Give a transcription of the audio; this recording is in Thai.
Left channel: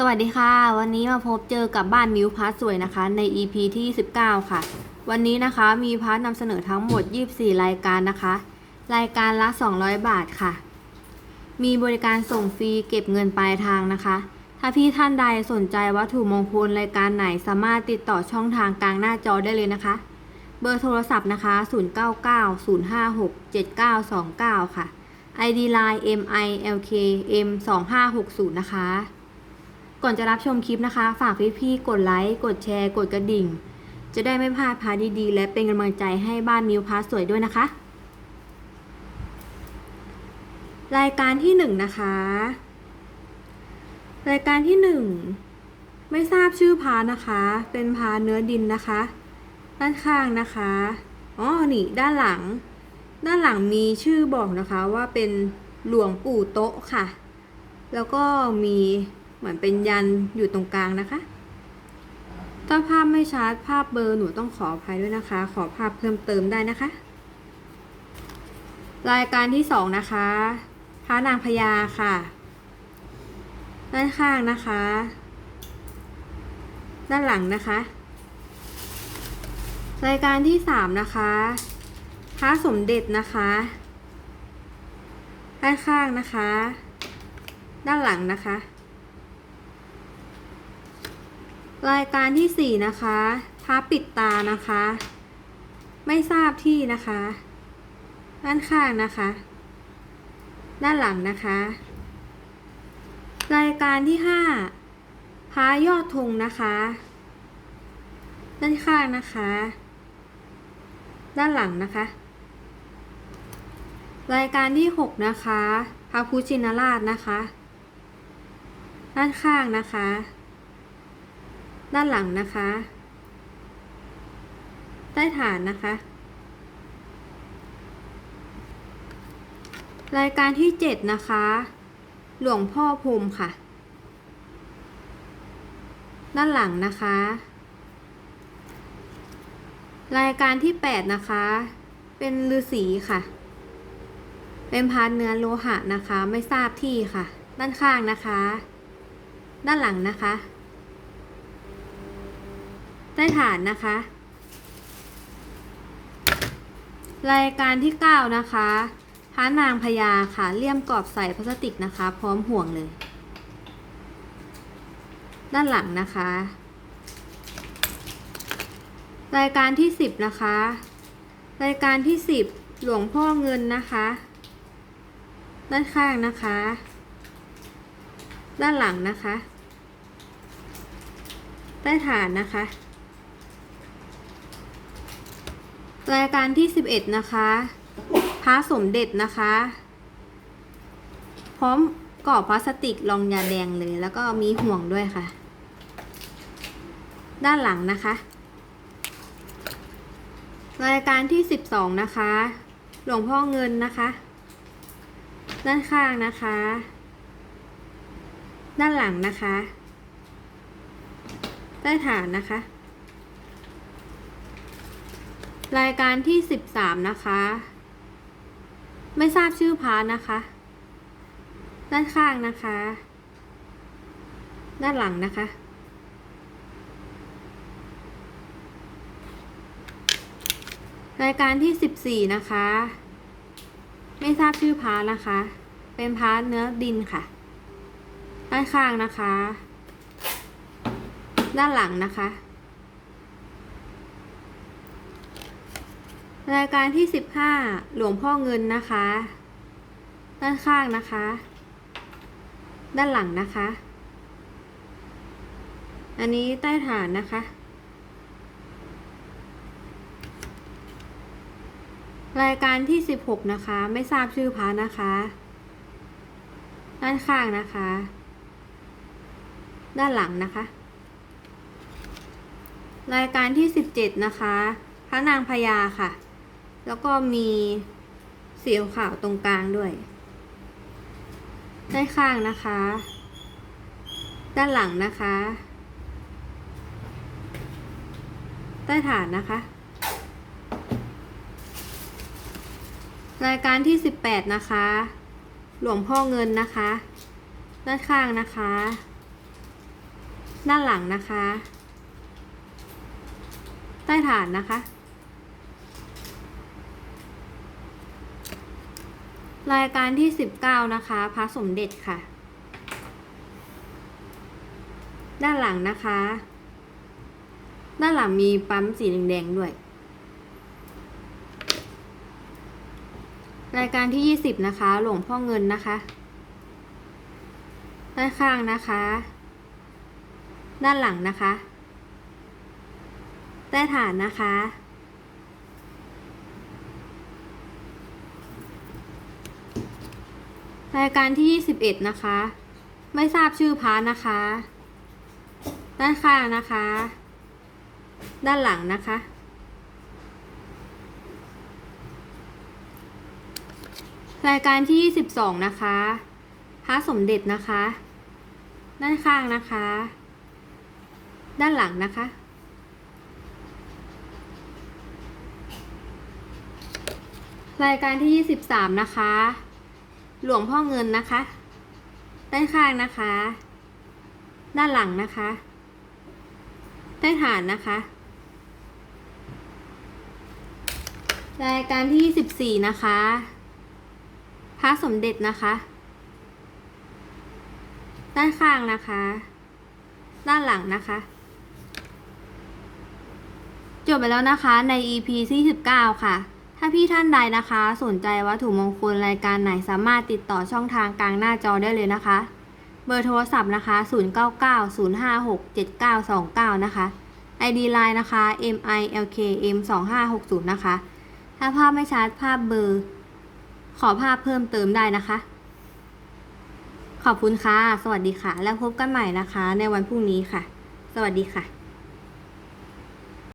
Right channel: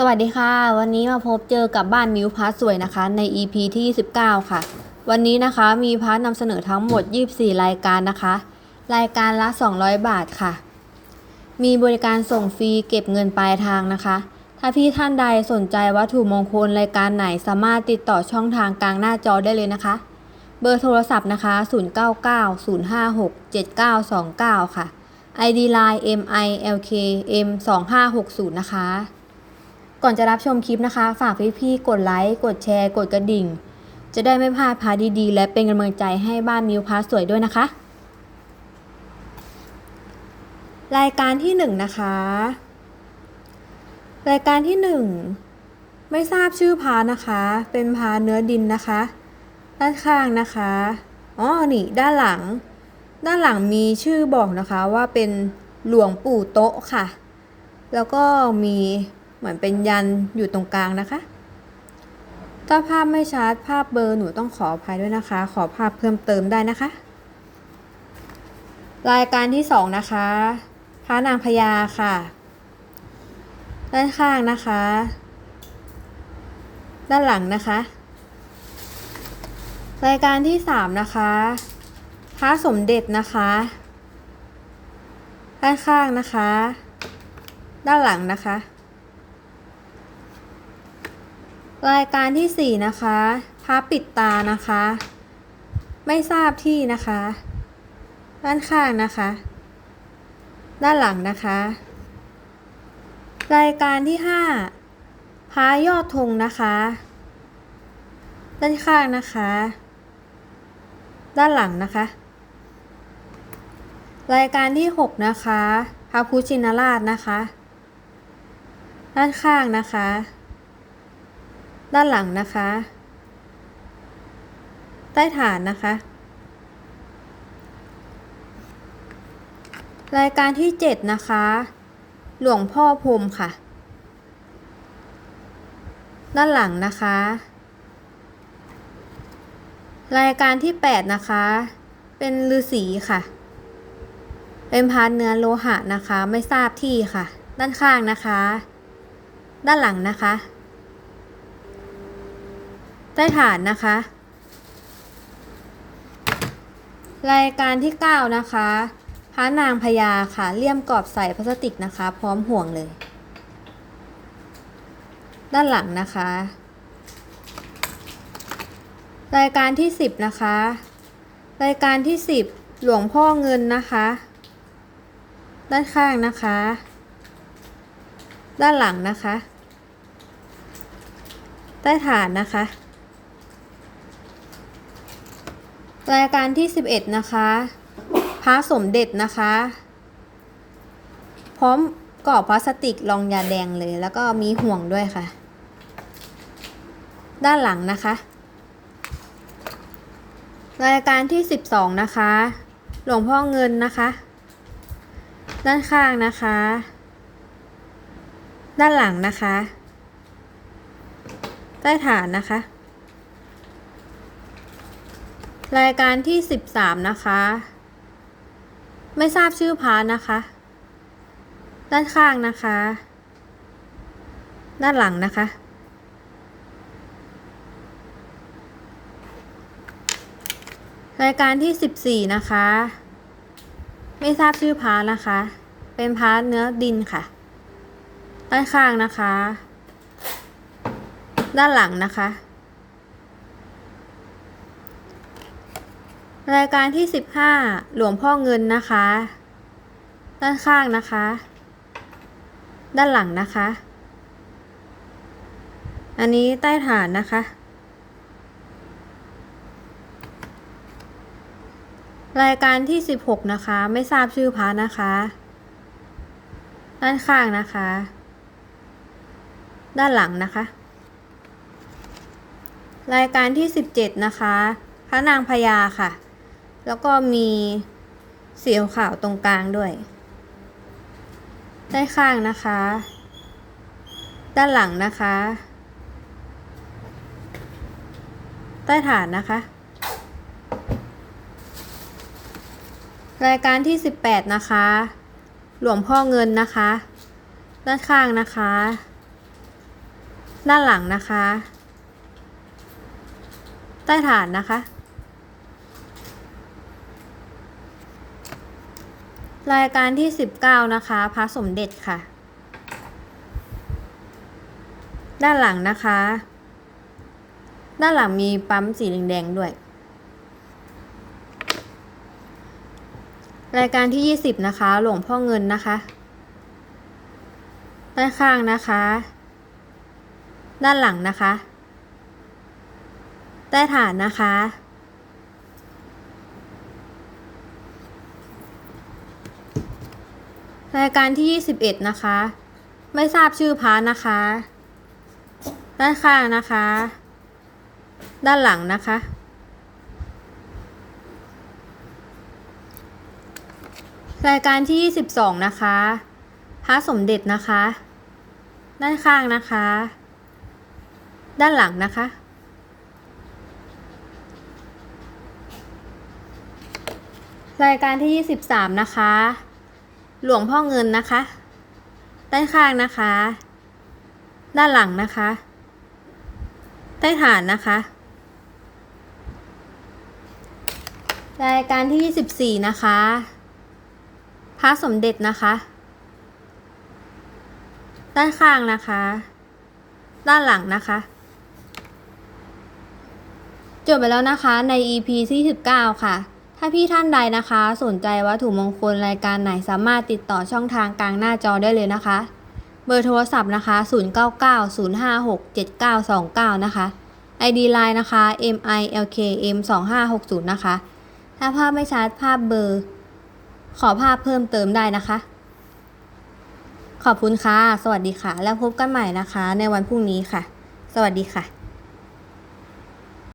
สวัสดีค่ะ วันนี้มาพบเจอกับบ้านมิวพาร์ทสวยนะคะใน EP ที่ 19 ค่ะ วันนี้นะคะมีพาร์ทนำเสนอทั้งหมด 24 รายการนะคะ รายการละ 200 บาทค่ะ มีบริการส่งฟรีเก็บเงินปลายทางนะคะ ถ้าพี่ท่านใดสนใจวัตถุมงคลรายการไหนสามารถติดต่อช่องทางกลางหน้าจอได้เลยนะคะ เบอร์โทรศัพท์นะคะ 0990567929 ค่ะ ID Line MILKM 2560 นะคะ ก่อนจะรับชมคลิปนะคะ ฝากพี่ๆกดไลค์ กดแชร์ กดกระดิ่ง จะได้ไม่พลาดพาดีๆ และเป็นกำลังใจให้บ้านมิวพาร์ทสวยด้วยนะคะ รายการที่หนึ่งนะคะ รายการที่หนึ่งไม่ทราบชื่อพานะคะ เป็นพาเนื้อดินนะคะ ด้านข้างนะคะอ๋อนี่ด้านหลัง ด้านหลังมีชื่อบอกนะคะว่าเป็นหลวงปู่โต๊ะค่ะ แล้วก็มี เหมือนเป็นยันอยู่ตรงกลางนะคะ ถ้าภาพไม่ชัดภาพเบลอร์หนูต้องขออภัยด้วยนะคะ ขอภาพเพิ่มเติมได้นะคะ รายการที่สองนะคะท้านางพญาค่ะ ด้านข้างนะคะ ด้านหลังนะคะ รายการที่สามนะคะพระสมเด็จนะคะ ด้านข้างนะคะ ด้านหลังนะคะ รายการที่สี่นะคะพระปิดตานะคะ ไม่ทราบที่นะคะ ด้านข้างนะคะ ด้านหลังนะคะ รายการที่ห้าพระยอดธงนะคะ ด้านข้างนะคะ ด้านหลังนะคะ รายการที่หกนะคะพระพุชินราชนะคะ ด้านข้างนะคะ ด้านหลังนะคะ ใต้ฐานนะคะ รายการที่เจ็ดนะคะ หลวงพ่อพรมค่ะ ด้านหลังนะคะ รายการที่แปดนะคะ เป็นฤาษีค่ะ เป็นพาร์ทเนื้อโลหะนะคะ ไม่ทราบที่ค่ะ ด้านข้างนะคะ ด้านหลังนะคะ ใต้ฐานนะคะ รายการที่ 9 นะคะพระนางพญาค่ะเลี่ยมกรอบใส่พลาสติกนะคะ พร้อมห่วงเลย ด้านหลังนะคะ รายการที่ 10 นะคะ รายการที่ 10 หลวงพ่อเงินนะคะ ด้านข้างนะคะ ด้านหลังนะคะ ใต้ฐานนะคะ รายการที่ 11 นะคะพระสมเด็จนะคะ พร้อมกรอบพลาสติกรองยาแดงเลย แล้วก็มีห่วงด้วยค่ะ ด้านหลังนะคะ รายการที่ 12 นะคะ หลวงพ่อเงินนะคะ ด้านข้างนะคะ ด้านหลังนะคะ ใต้ฐานนะคะ รายการที่ 13 นะคะ ไม่ทราบชื่อพาร์ทนะคะ ด้านข้างนะคะ ด้านหลังนะคะ รายการที่ 14 นะคะ ไม่ทราบชื่อพาร์ทนะคะ เป็นพาร์ทเนื้อดินค่ะ ด้านข้างนะคะ ด้านหลังนะคะ รายการที่ 15 หลวงพ่อเงินนะคะ ด้านข้างนะคะ ด้านหลังนะคะ อันนี้ใต้ฐานนะคะ รายการที่ 16 นะคะ ไม่ทราบชื่อพระนะคะ ด้านข้างนะคะ ด้านหลังนะคะ รายการที่ 17 นะคะพระนางพญาค่ะ แล้วก็มีสีขาวตรงกลางด้วย ด้านข้างนะคะ ด้านหลังนะคะ ใต้ฐานนะคะ รายการที่ 18 นะคะ หลวงพ่อเงินนะคะ ด้านข้างนะคะ ด้านหลังนะคะ ใต้ฐานนะคะ รายการที่ 19 นะคะพระสมเด็จค่ะ ด้านหลังนะคะ ด้านหลังมีปั๊มสีแดงๆด้วย รายการที่ 20 นะคะ หลวงพ่อเงินนะคะ ด้านข้างนะคะ ด้านหลังนะคะ ใต้ฐานนะคะ รายการที่ 21 นะคะ ไม่ทราบชื่อพระนะคะ ด้านข้างนะคะ ด้านหลังนะคะ รายการที่ 22 นะคะพระสมเด็จนะคะ ด้านข้างนะคะ ด้านหลังนะคะรายการที่ 23 นะคะ หลวงพ่อเงินนะคะ ด้านข้างนะคะ ด้านหลังนะคะ ใต้ฐานนะคะ รายการที่24นะคะ พระสมเด็จนะคะ ด้านข้างนะคะ ด้านหลังนะคะ จบไปแล้วนะคะใน EP ที่ 19 ค่ะ ถ้าพี่ท่านใดนะคะ สนใจวัตถุมงคลรายการไหนสามารถติดต่อช่องทางกลางหน้าจอได้เลยนะคะ เบอร์โทรศัพท์นะคะ 0990567929 นะคะ ID Line นะคะ milkm2560 นะคะ ถ้าภาพไม่ชัดภาพเบอร์ ขอภาพเพิ่มเติมได้นะคะ ขอบคุณค่ะ สวัสดีค่ะ แล้วพบกันใหม่นะคะ ในวันพรุ่งนี้ค่ะ สวัสดีค่ะ